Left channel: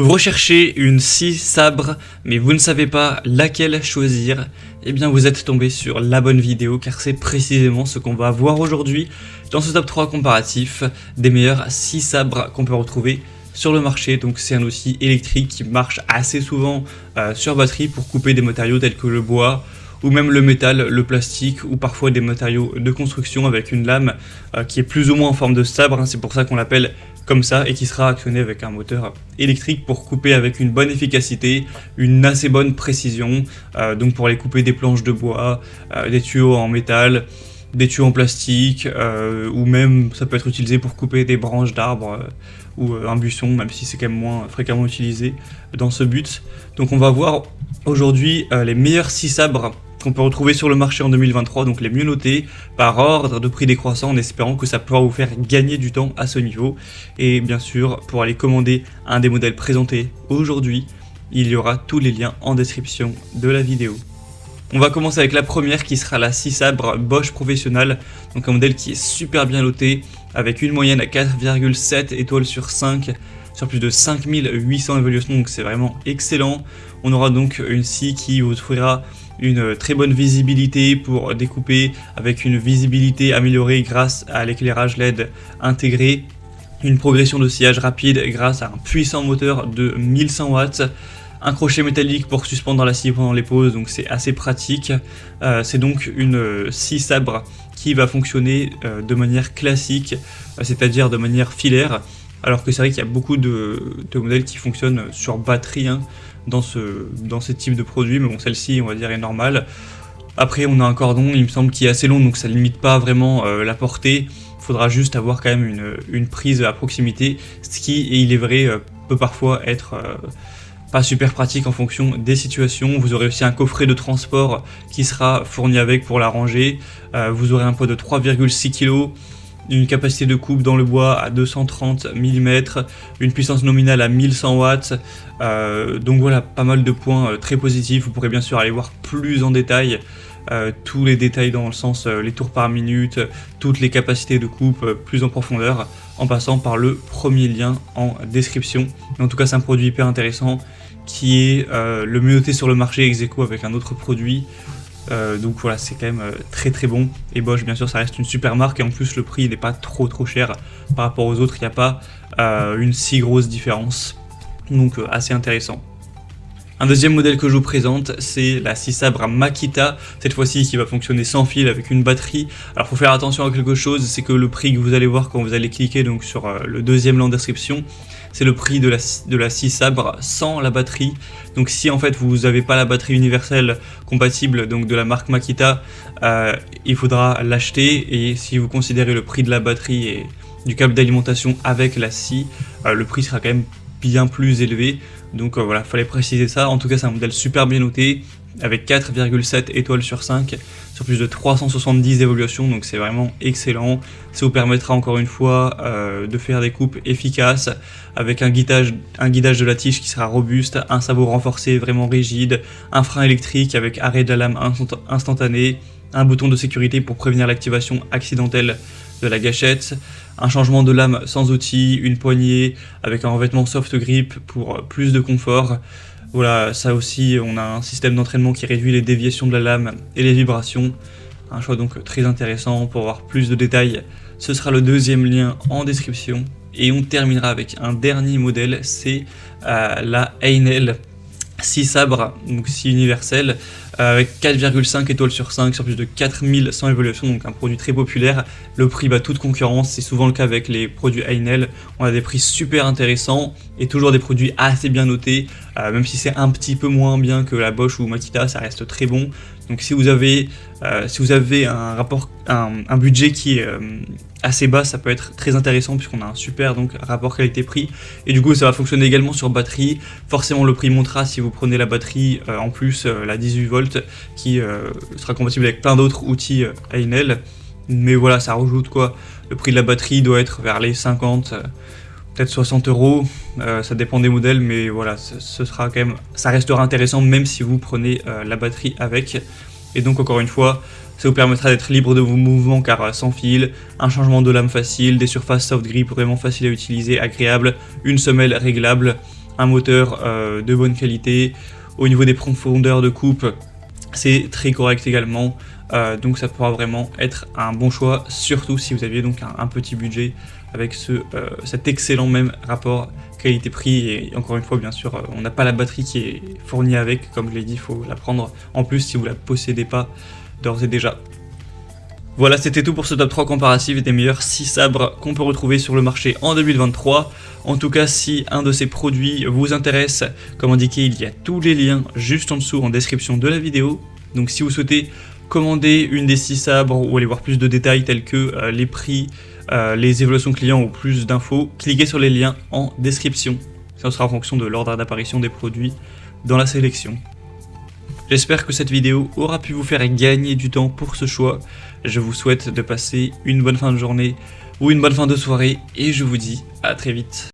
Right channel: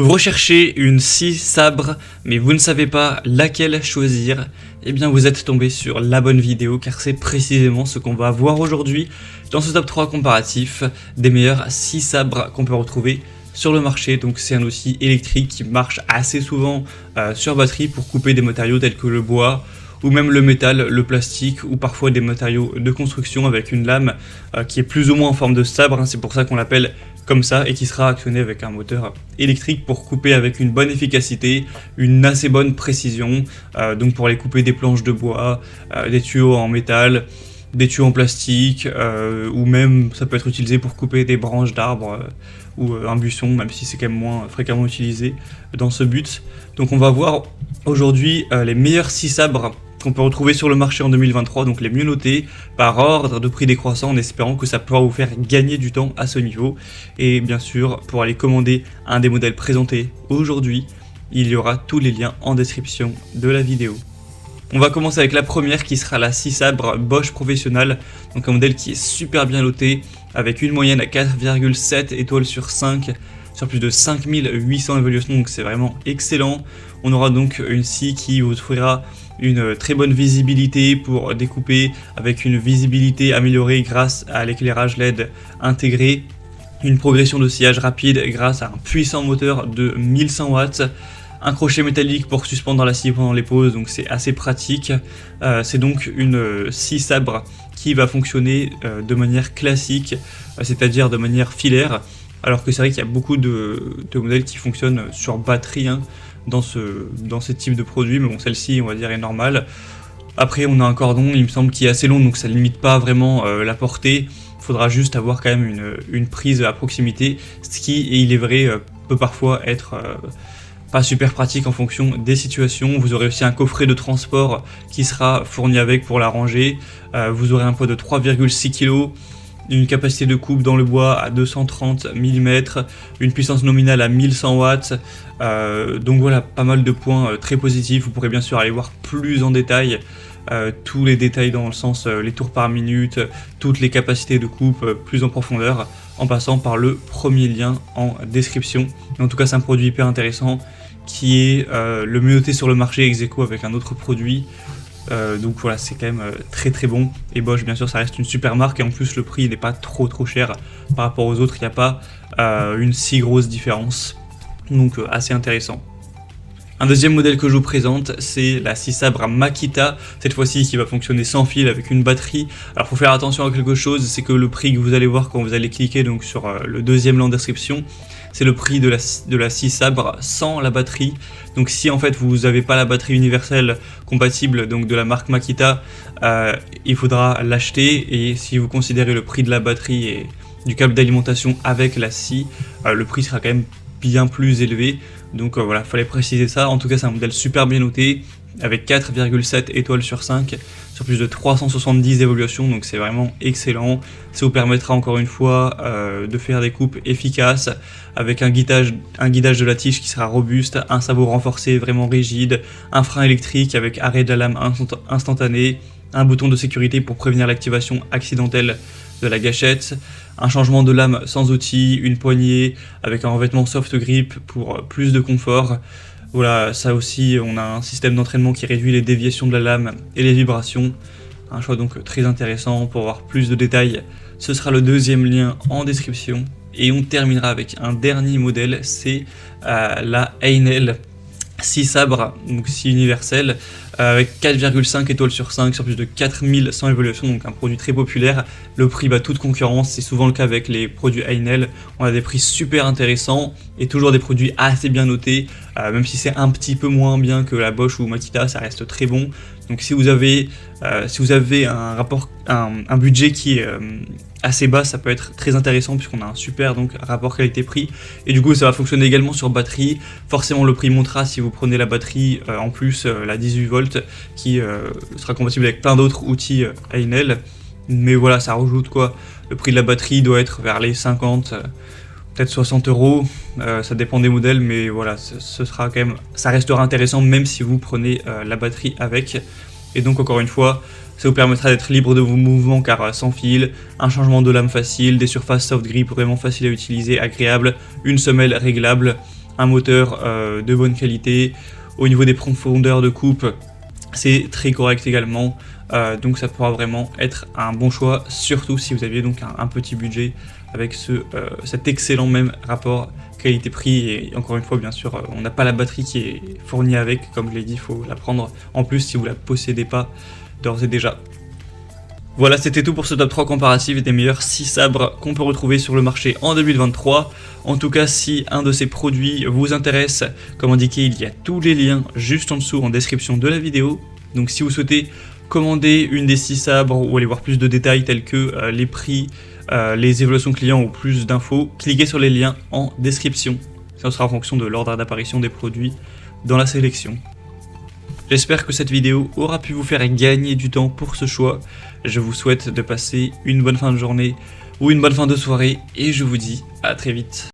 Vous recherchez une scie sabre, mais vous ne savez pas laquelle choisir, eh bien vous êtes tombé sur la bonne vidéo, car c'est précisément ce qu'on va voir aujourd'hui dans ce top 3 comparatif des meilleurs scies sabres qu'on peut retrouver sur le marché. Donc c'est un outil électrique qui marche assez souvent sur batterie pour couper des matériaux tels que le bois, ou même le métal, le plastique, ou parfois des matériaux de construction avec une lame qui est plus ou moins en forme de sabre. C'est pour ça qu'on l'appelle comme ça, et qui sera actionné avec un moteur électrique pour couper avec une bonne efficacité, une assez bonne précision, donc pour aller couper des planches de bois, des tuyaux en métal, des tuyaux en plastique, ou même ça peut être utilisé pour couper des branches d'arbres ou un buisson, même si c'est quand même moins fréquemment utilisé dans ce but. Donc on va voir aujourd'hui les meilleurs scies sabres qu'on peut retrouver sur le marché en 2023, donc les mieux notés par ordre de prix décroissant, en espérant que ça pourra vous faire gagner du temps à ce niveau. Et bien sûr, pour aller commander un des modèles présentés aujourd'hui, il y aura tous les liens en description de la vidéo. On va commencer avec la première qui sera la scie sabre Bosch Professional, donc un modèle qui est super bien noté avec une moyenne à 4,7 étoiles sur 5 sur plus de 5800 évaluations, donc c'est vraiment excellent. On aura donc une scie qui vous offrira une très bonne visibilité pour découper avec une visibilité améliorée grâce à l'éclairage LED intégré, une progression de sciage rapide grâce à un puissant moteur de 1100 watts, un crochet métallique pour suspendre la scie pendant les pauses, donc c'est assez pratique. C'est donc une scie sabre qui va fonctionner de manière classique, c'est-à-dire de manière filaire, alors que c'est vrai qu'il y a beaucoup de modèles qui fonctionnent sur batterie dans ce type de produit, mais bon, celle-ci on va dire est normale. Après on a un cordon, il me semble, qui est assez long, donc ça ne limite pas vraiment la portée. Il faudra juste avoir quand même une prise à proximité, ce qui, et il est vrai, peut parfois être pas super pratique en fonction des situations. Vous aurez aussi un coffret de transport qui sera fourni avec pour la ranger. Vous aurez un poids de 3,6 kg, une capacité de coupe dans le bois à 230 mm, une puissance nominale à 1100 watts. Donc voilà, pas mal de points très positifs. Vous pourrez bien sûr aller voir plus en détail tous les détails dans le sens les tours par minute, toutes les capacités de coupe plus en profondeur, en passant par le premier lien en description. Mais en tout cas, c'est un produit hyper intéressant qui est le mieux noté sur le marché ex aequo avec un autre produit. Donc voilà, c'est quand même très très bon. Et Bosch, bien sûr, ça reste une super marque, et en plus le prix n'est pas trop cher par rapport aux autres. Il n'y a pas une si grosse différence, donc assez intéressant. Un deuxième modèle que je vous présente, c'est la scie sabre Makita, cette fois-ci qui va fonctionner sans fil avec une batterie. Alors faut faire attention à quelque chose, c'est que le prix que vous allez voir quand vous allez cliquer donc sur le deuxième lien en description, c'est le prix de la scie sabre sans la batterie. Donc si en fait vous n'avez pas la batterie universelle compatible donc de la marque Makita, il faudra l'acheter, et si vous considérez le prix de la batterie et du câble d'alimentation avec la scie, le prix sera quand même bien plus élevé. Donc voilà, fallait préciser ça. En tout cas, c'est un modèle super bien noté avec 4,7 étoiles sur 5 sur plus de 370 évaluations, donc c'est vraiment excellent. Ça vous permettra encore une fois de faire des coupes efficaces avec un guidage de la tige qui sera robuste, un sabot renforcé vraiment rigide, un frein électrique avec arrêt de la lame instantané, un bouton de sécurité pour prévenir l'activation accidentelle de la gâchette, un changement de lame sans outil, une poignée avec un revêtement soft grip pour plus de confort. Voilà, ça aussi, on a un système d'entraînement qui réduit les déviations de la lame et les vibrations. Un choix donc très intéressant. Pour voir plus de détails, ce sera le deuxième lien en description. Et on terminera avec un dernier modèle, c'est la Heinel scie sabre, donc scie universelle, avec 4,5 étoiles sur 5 sur plus de 4100 évaluations, donc un produit très populaire. Le prix bat toute concurrence, c'est souvent le cas avec les produits Heinel. On a des prix super intéressants et toujours des produits assez bien notés, même si c'est un petit peu moins bien que la Bosch ou Makita, ça reste très bon. Donc si vous avez un budget qui est assez bas, ça peut être très intéressant puisqu'on a un super rapport qualité-prix, et du coup ça va fonctionner également sur batterie. Forcément le prix montera si vous prenez la batterie en plus la 18 volts qui sera compatible avec plein d'autres outils Heinel, mais voilà, ça rajoute quoi. Le prix de la batterie doit être vers les 50 peut-être 60 euros, ça dépend des modèles, mais voilà, ce sera quand même, ça restera intéressant même si vous prenez la batterie avec. Et donc encore une fois, ça vous permettra d'être libre de vos mouvements car sans fil, un changement de lame facile, des surfaces soft grip vraiment faciles à utiliser, agréables, une semelle réglable, un moteur de bonne qualité. Au niveau des profondeurs de coupe, c'est très correct également. Donc ça pourra vraiment être un bon choix, surtout si vous aviez donc un petit budget avec cet excellent même rapport qualité-prix. Et encore une fois, bien sûr, on n'a pas la batterie qui est fournie avec, comme je l'ai dit, il faut la prendre en plus si vous la possédez pas d'ores et déjà. Voilà, c'était tout pour ce top 3 comparatif des meilleurs 6 sabres qu'on peut retrouver sur le marché en 2023. En tout cas, si un de ces produits vous intéresse, comme indiqué, il y a tous les liens juste en dessous en description de la vidéo. Donc si vous souhaitez commander une des 6 sabres ou aller voir plus de détails tels que les prix, les évaluations clients ou plus d'infos, cliquez sur les liens en description. Ça sera en fonction de l'ordre d'apparition des produits dans la sélection. J'espère que cette vidéo aura pu vous faire gagner du temps pour ce choix. Je vous souhaite de passer une bonne fin de journée ou une bonne fin de soirée et je vous dis à très vite.